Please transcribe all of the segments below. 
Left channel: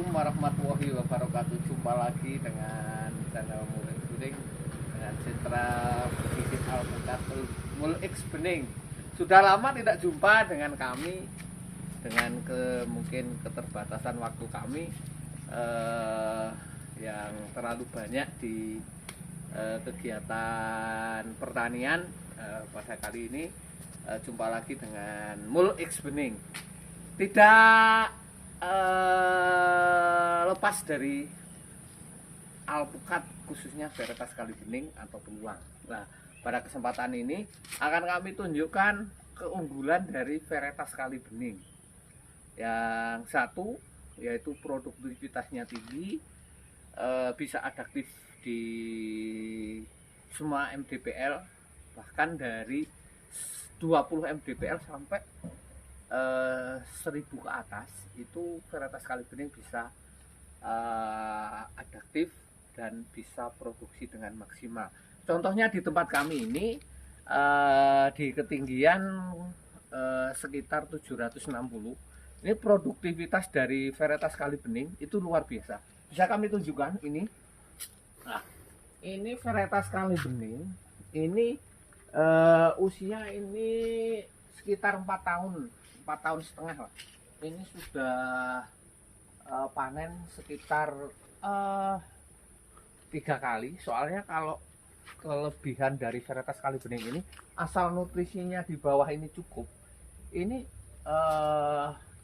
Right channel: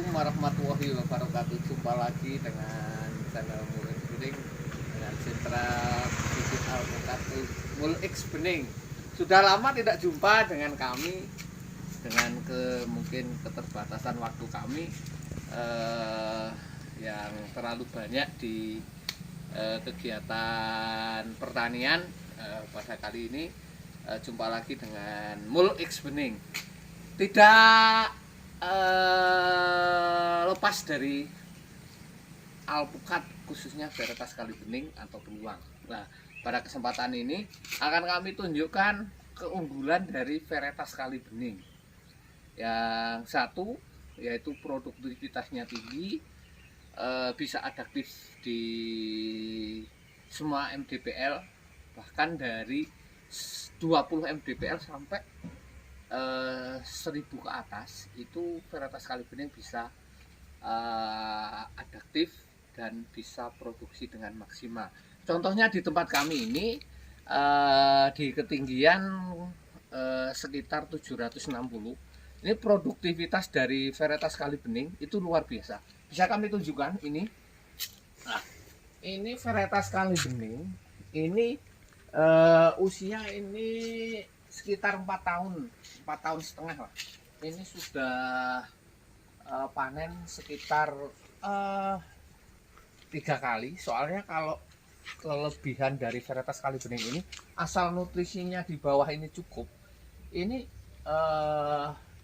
Assalamualaikum warahmatullahi wabarakatuh. Jumpa lagi dengan channel Mulix Bening dengan sentra bibit alpukat Mulix Bening. Sudah lama tidak jumpa dengan kami, dengan mungkin keterbatasan waktu kami yang terlalu banyak di kegiatan pertanian. Pada kali ini jumpa lagi dengan Mulix Bening. Tidak lepas dari alpukat, khususnya varietas kali bening atau beruang. Nah, pada kesempatan ini akan kami tunjukkan keunggulan dari varietas kali bening. Yang satu yaitu produktivitasnya tinggi, bisa adaptif di semua MDPL, bahkan dari 20 MDPL sampai 1000 ke atas. Itu varietas kali bening bisa adaptif dan bisa produksi dengan maksimal. Contohnya di tempat kami ini di ketinggian sekitar 760. Ini produktivitas dari varietas kali bening itu luar biasa. Bisa kami tunjukkan ini. Nah, ini varietas kali bening. Ini usia ini sekitar 4 tahun, 4 tahun setengah lah. Ini sudah panen sekitar 3 kali. Soalnya kalau kelebihan dari varietas kali bening ini, asal nutrisinya di bawah ini cukup, ini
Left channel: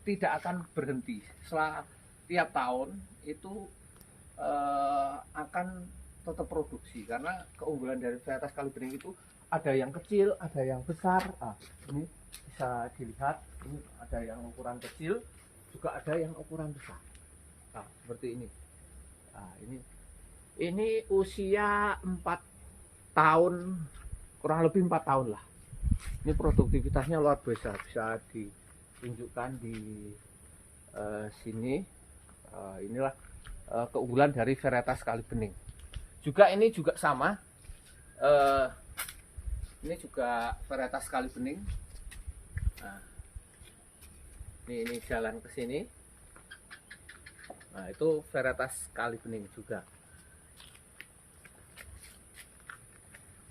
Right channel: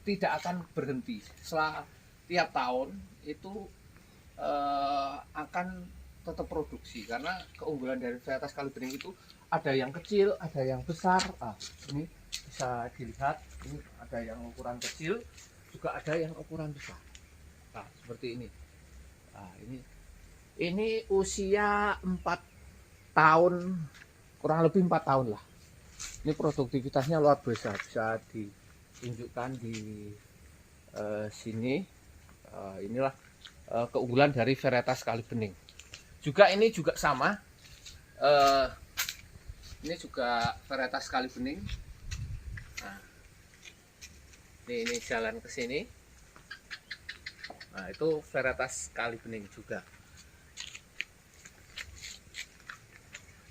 tidak akan berhenti. Setelah tiap tahun itu akan tetap produksi, karena keunggulan dari varietas kali bening itu ada yang kecil, ada yang besar. Nah, ini bisa dilihat, ini ada yang ukuran kecil, juga ada yang ukuran besar. Nah, seperti ini. Nah, ini usia 4 tahun, kurang lebih 4 tahun lah. Ini produktivitasnya luar biasa, bisa ditunjukkan di sini. Inilah keunggulan dari varietas kali bening. Juga ini juga sama. Ini juga varietas kali bening. Nah, ini jalan ke sini. Nah, itu varietas kali bening juga.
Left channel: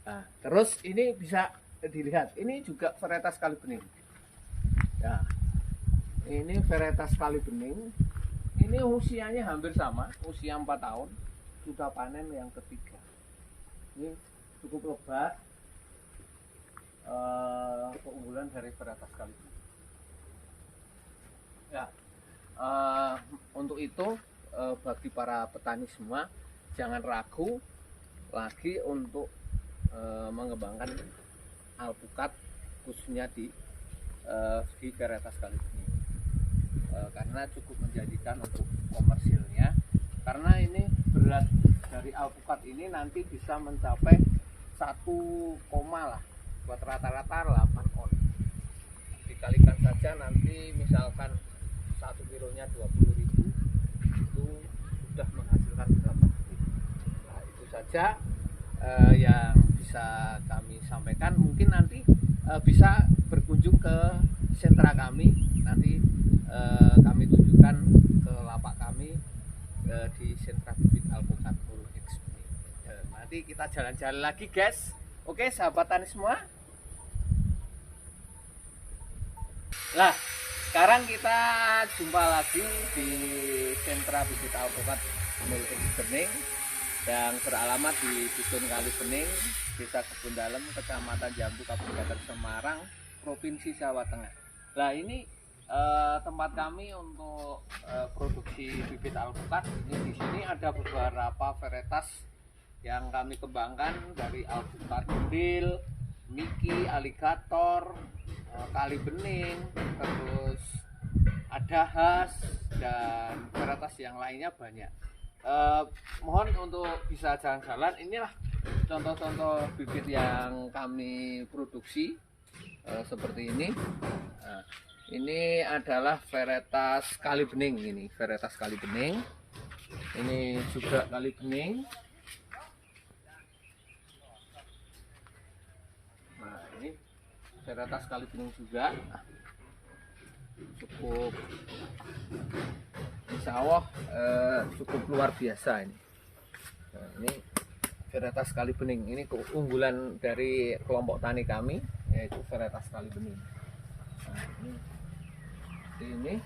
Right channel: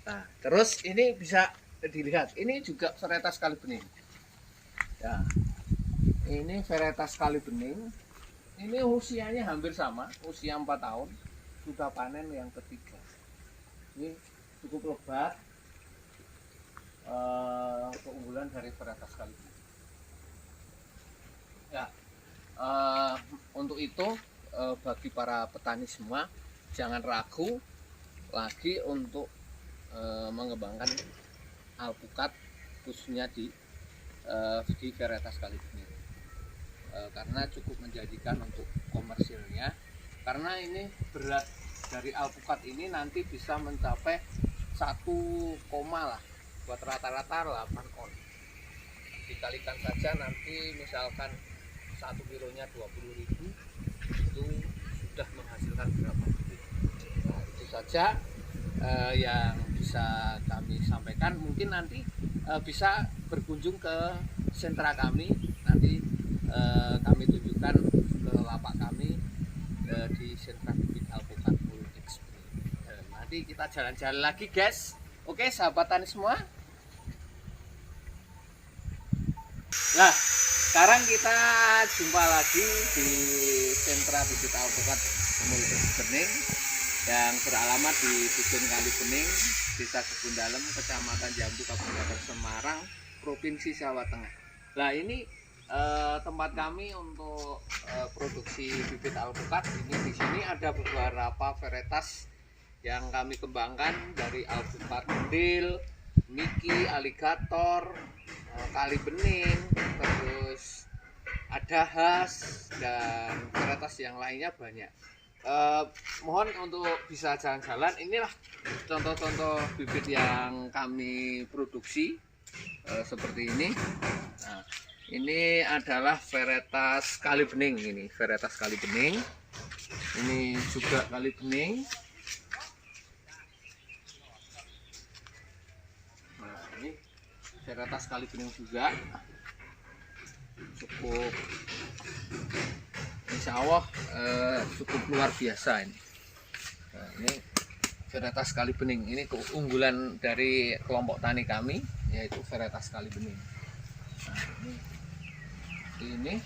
Nah, terus ini bisa dilihat, ini juga varietas kali bening. Nah, ini varietas kali bening. Ini usianya hampir sama, usia 4 tahun, sudah panen yang ketiga. Ini cukup lebat. Keunggulan dari varietas kali bening. Ya, untuk itu bagi para petani semua, jangan ragu lagi untuk mengembangkan alpukat, khususnya di varietas kali bening, karena cukup menjanjikan untuk komersilnya. Karena ini berat dari alpukat ini nanti bisa mencapai 1, lah, buat rata-rata 8 on. Dikalikan saja nanti misalkan 1 kilonya 20.000, itu sudah menghasilkan berapa duit. Nah, itu saja yang bisa kami sampaikan. Mungkin nanti bisa berkunjung ke sentra kami, nanti kami tunjukkan ke lapak kami di sentra bibit alpukat Mulix Bening. Nanti kita jalan-jalan lagi, guys. Oke, sahabat tani semua. Nah, sekarang kita jumpa lagi di sentra bibit alpukat Mulix Bening yang beralamat di Dusun Kali Bening, Desa Kebun Dalem, Kecamatan Jambu, Kabupaten Semarang, Provinsi Jawa Tengah. Nah, ini tempat kami untuk produksi bibit alpukat. Di sini ada beberapa varietas yang kami kembangkan, dari alpukat mendil, miki, aligator, kali bening, terus ada khas, dan varietas yang lainnya banyak. Mohon untuk bisa jalan-jalan. Inilah contoh-contoh bibit yang kami produksi, seperti ini. Nah, ini adalah varietas kali bening. Ini varietas kali bening. Ini juga kali bening. Nah, ini varietas kali bening juga, cukup insya Allah cukup luar biasa ini. Nah, ini varietas kali bening. Ini keunggulan dari kelompok tani kami, yaitu varietas kali bening. Nah, ini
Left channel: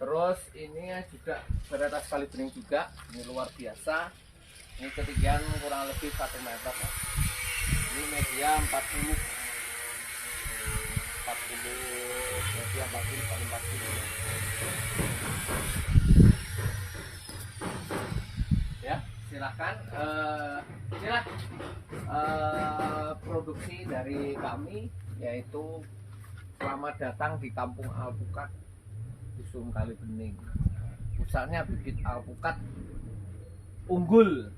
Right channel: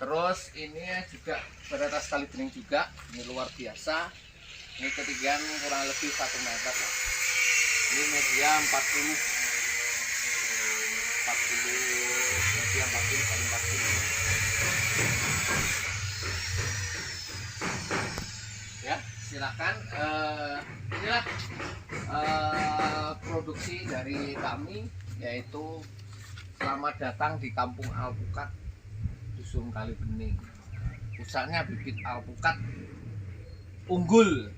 terus ini juga varietas kali bening juga. Ini luar biasa. Ini ketinggian kurang lebih 1 meter lah. Ini media 40 media 40 kali 40 ya. Silakan, inilah produksi dari kami, yaitu selamat datang di Kampung Alpukat, Dusun Kali Bening. Pusatnya bibit alpukat unggul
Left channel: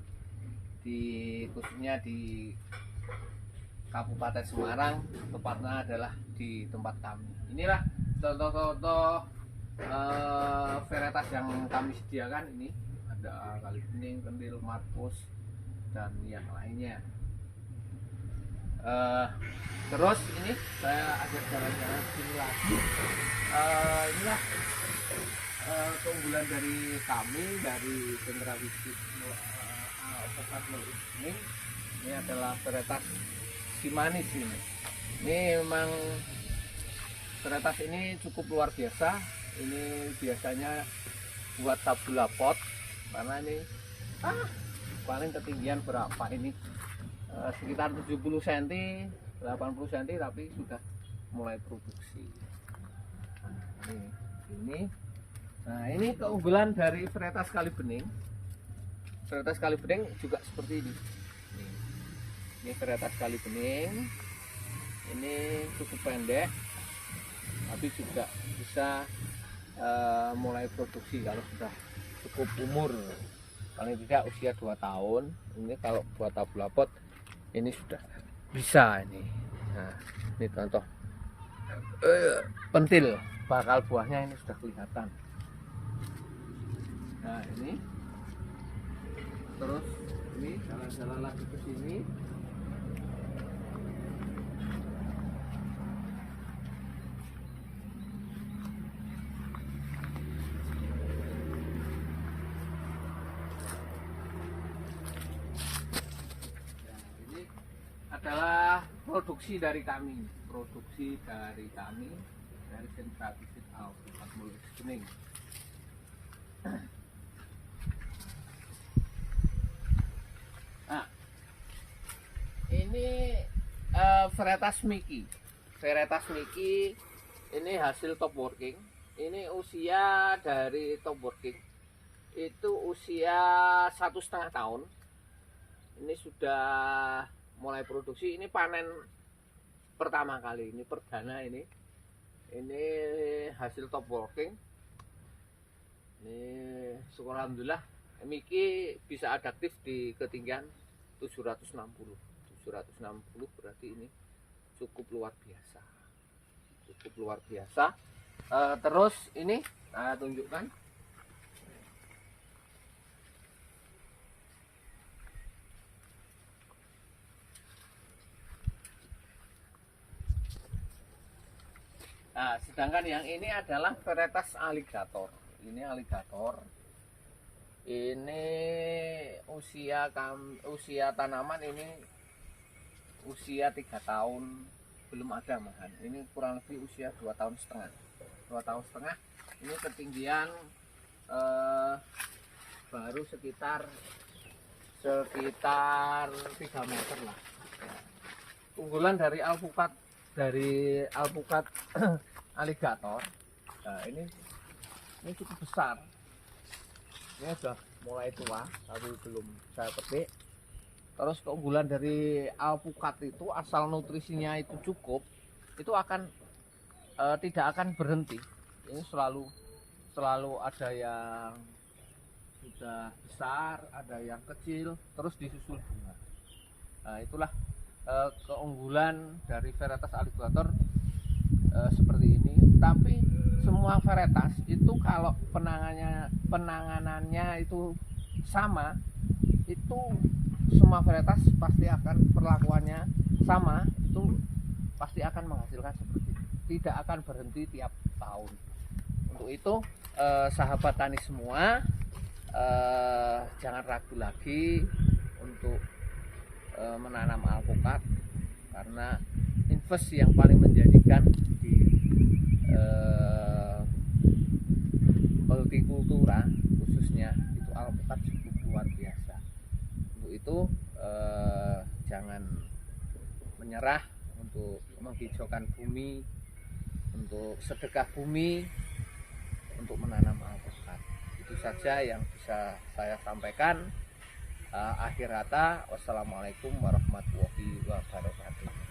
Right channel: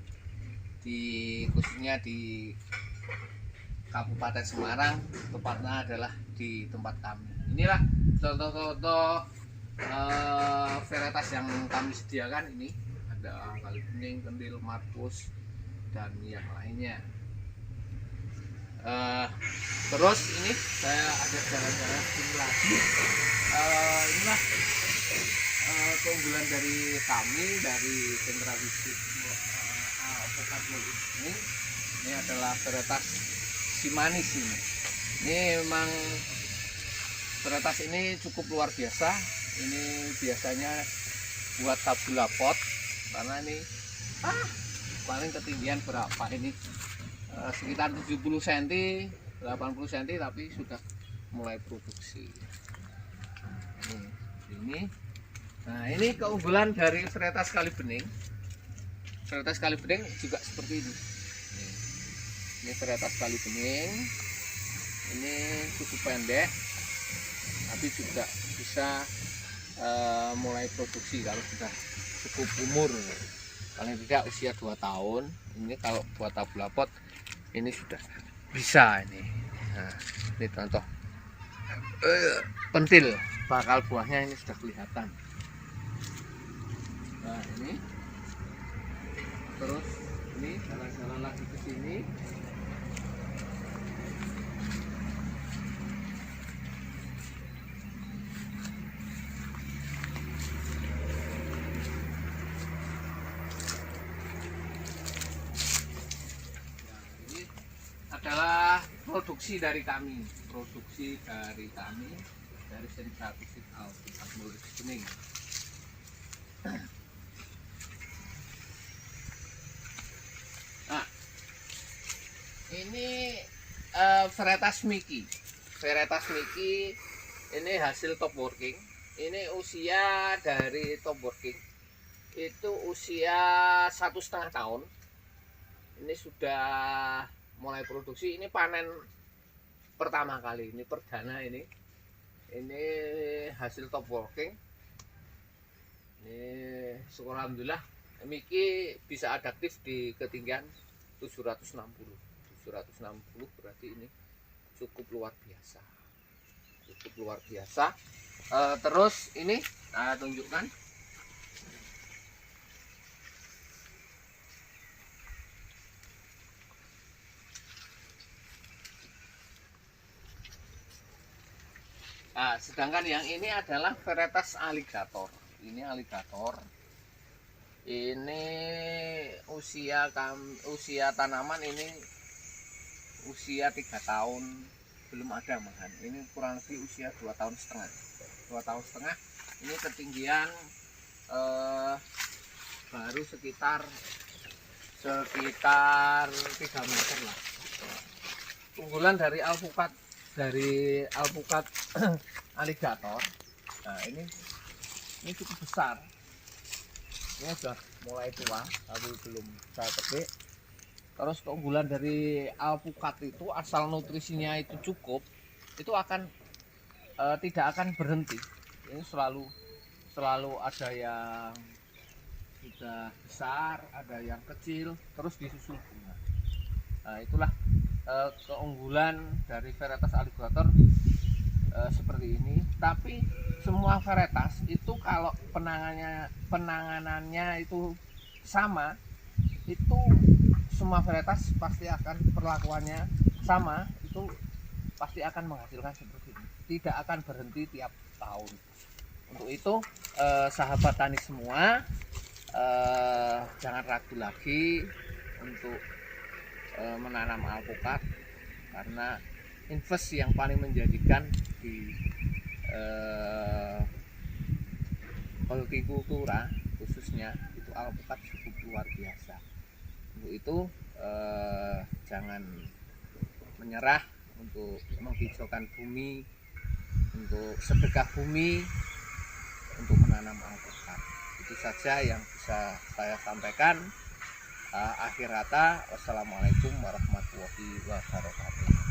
khususnya di Kabupaten Semarang, tepatnya adalah di tempat kami. Inilah contoh-contoh varietas yang kami sediakan. Ini ada kali bening, kendil, markus, dan yang lainnya. Terus ini saya ajak jalan-jalan sini lagi. Inilah keunggulan dari kami, dari sentra bisnis alpukat ini. Ini adalah varietas si manis ini. Ini memang varietas ini cukup luar biasa. Ini biasanya buat tabula pot, karena ini paling ketinggian berapa ini, sekitar 70 cm 80 cm, tapi sudah mulai produksi ini. Nah, ini keunggulan dari varietas kali bening. Varietas kali bening juga seperti ini. Ini varietas kali bening. Ini cukup pendek, tapi juga bisa mulai produksi kalau sudah cukup umur, paling tidak usia 2 tahun. Ini kalau buat tabula pot ini sudah bisa ini. Nah, ini contoh pentil, bakal buahnya ini sudah kelihatan. Nah, ini terus ini jalan-jalan lagi ke sini. Adalah produksi dari kami, dari sentra bisnis Alpukat Mulai Bening. Nah, ini varietas Miki. Varietas Miki ini hasil top working. Ini usia dari top working itu usia 1,5 tahun. Ini sudah mulai produksi. Ini panen pertama kali, ini perdana ini hasil top working. Ini syukur alhamdulillah Miki bisa adaptif di ketinggian 760 berarti ini cukup luar biasa, terus ini tunjukkan. Nah, sedangkan yang ini adalah varietas aligator. Ini aligator. Ini usia tanaman ini usia 3 tahun belum ada malahan. Ini kurang lebih usia 2 tahun setengah. 2 tahun setengah. Ini ketinggian baru sekitar 3 meter lah. Unggulan dari alpukat aligator. Nah, ini cukup besar. Ini sudah mulai tua tapi belum saya petik. Terus keunggulan dari alpukat itu, asal nutrisinya itu cukup, itu akan tidak akan berhenti. Ini selalu ada yang sudah besar, ada yang kecil, terus disusul bunga. Nah, itulah keunggulan dari varietas aligator seperti ini. Tapi semua varietas itu kalau penanganannya itu sama, itu semua varietas pasti akan perlakuannya sama. Itu pasti akan menghasilkan seperti ini, tidak akan berhenti tiap tahun. Untuk itu sahabat tani semua, jangan ragu lagi untuk menanam alpukat, karena invest yang paling menjadikan di hortikultura khususnya itu alpukat cukup luar biasa. Untuk itu jangan menyerah untuk menghijaukan bumi, untuk sedekah bumi, untuk menanam alpukat. Itu saja yang bisa saya sampaikan. Akhir kata, wassalamualaikum warahmatullahi wabarakatuh.